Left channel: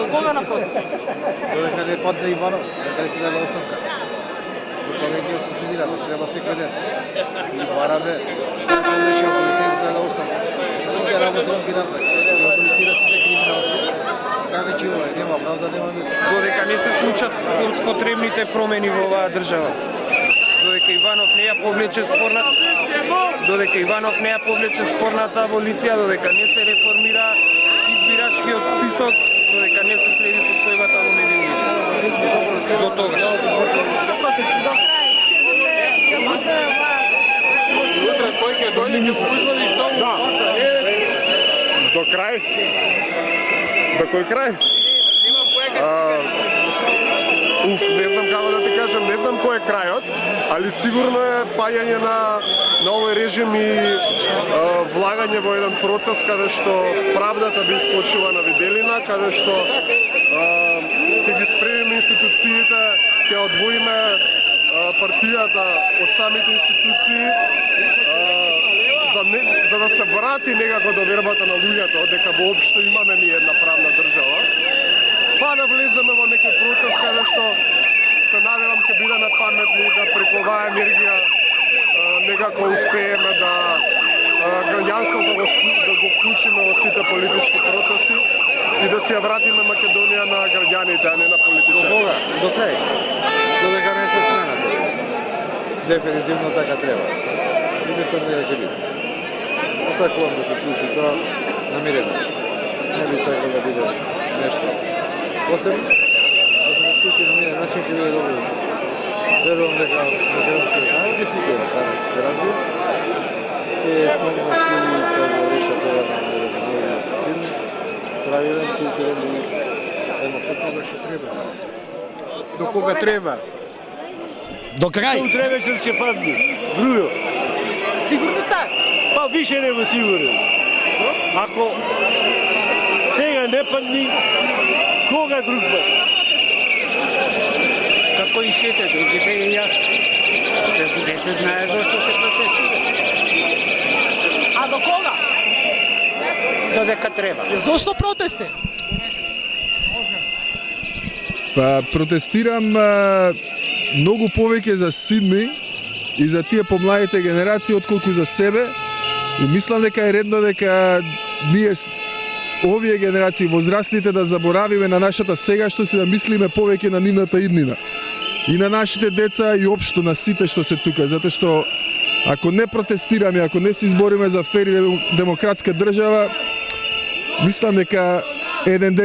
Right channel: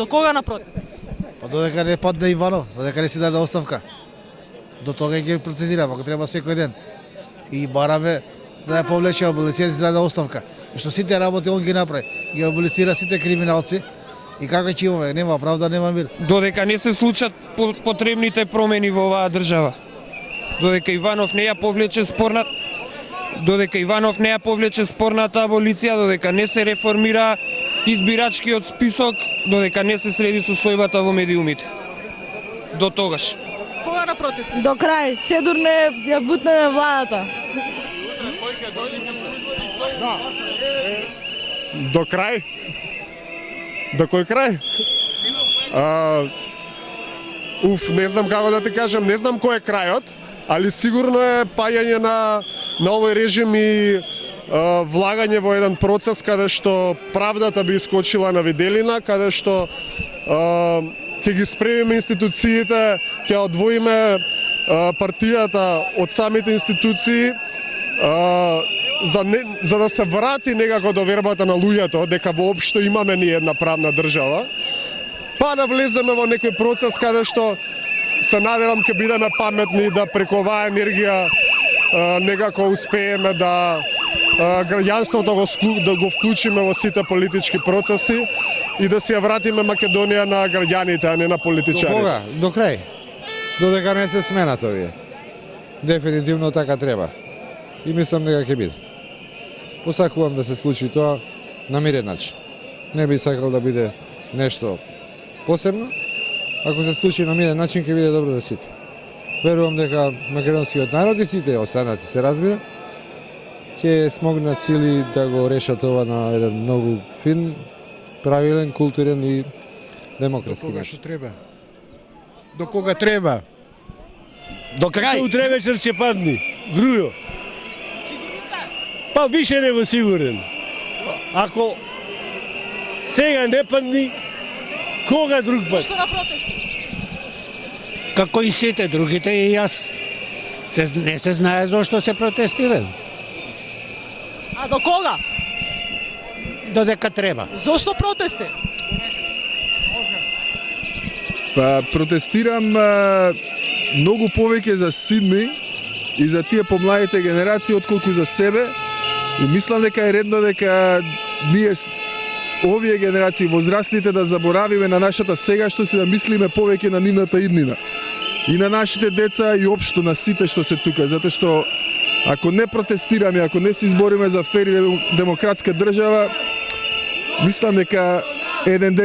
До кога на протест? Додека не падне Иванов, додека не се даде оставка. До тога ќе протестираме, ако треба секој ден. И бараме да ја помнеше аболиција за да даде оставка. Што сите работи он ги направи. Ги аболицира сите криминалци. И како ќе имаме? Нема правда, нема мир. Додека не се случат потребните промени во оваа држава. Додека Иванов не ја повлече спорната аболиција, додека не се реформира избирачкиот список, додека не се среди состојбата во медиумите. До тогаш. До крај, сигурно ја бутнаме владата. До крај? До кој крај? Не знам како да ти кажам, не знам кој е крајот, али сигурно е паѓање на овој режим и влагање во еден процес каде што правдата би искочила на виделина, каде што ќе ги спремиме институциите, ќе одвоиме партијата од самите институции, за да се врати некако довербата на луѓето дека воопшто имаме ние една правна држава, па да влеземе во некој процес каде што се надевам ќе бидеме паметни да преку оваа енергија некако успееме да граѓанството да го вклучиме во сите политички процеси и да се ја вратиме Македонија на граѓаните, а не на политичарите. До крај. Додека не се смена тоа. Дефинитивно така треба. И мислам дека ќе биде. Посакувам да се случи тоа на мирен начин. Не би сакал да биде нешто посебно. Ако се случи на мирен начин, ќе биде добро за сите. Верувам дека македонскиот народ и сите останати се разбира, ќе смогнат сили да го решат ова на еден многу фин, правилен, културен и демократски начин. До кога треба? До крај. Утребеше ќе падне. Грујо. Сигурно сте? Па више не во сигурен. Ако сега не падни, кога друг пат? Што на протест? Како и сите другите и јас. Не се знае зошто се протестира. А до кога? Додека треба. Зошто протести? Па протестирам многу повеќе за Сидни и за тие помладите генерации отколку за себе. И мислам дека е редно дека ние овие генерации возрастните да заборавиме на нашата сегашност и да мислиме повеќе на нивната иднина. И на нашите деца и општо на сите што се тука, затоа што ако не протестираме, ако не се избориме за фер и демократска држава, мислам дека еден ден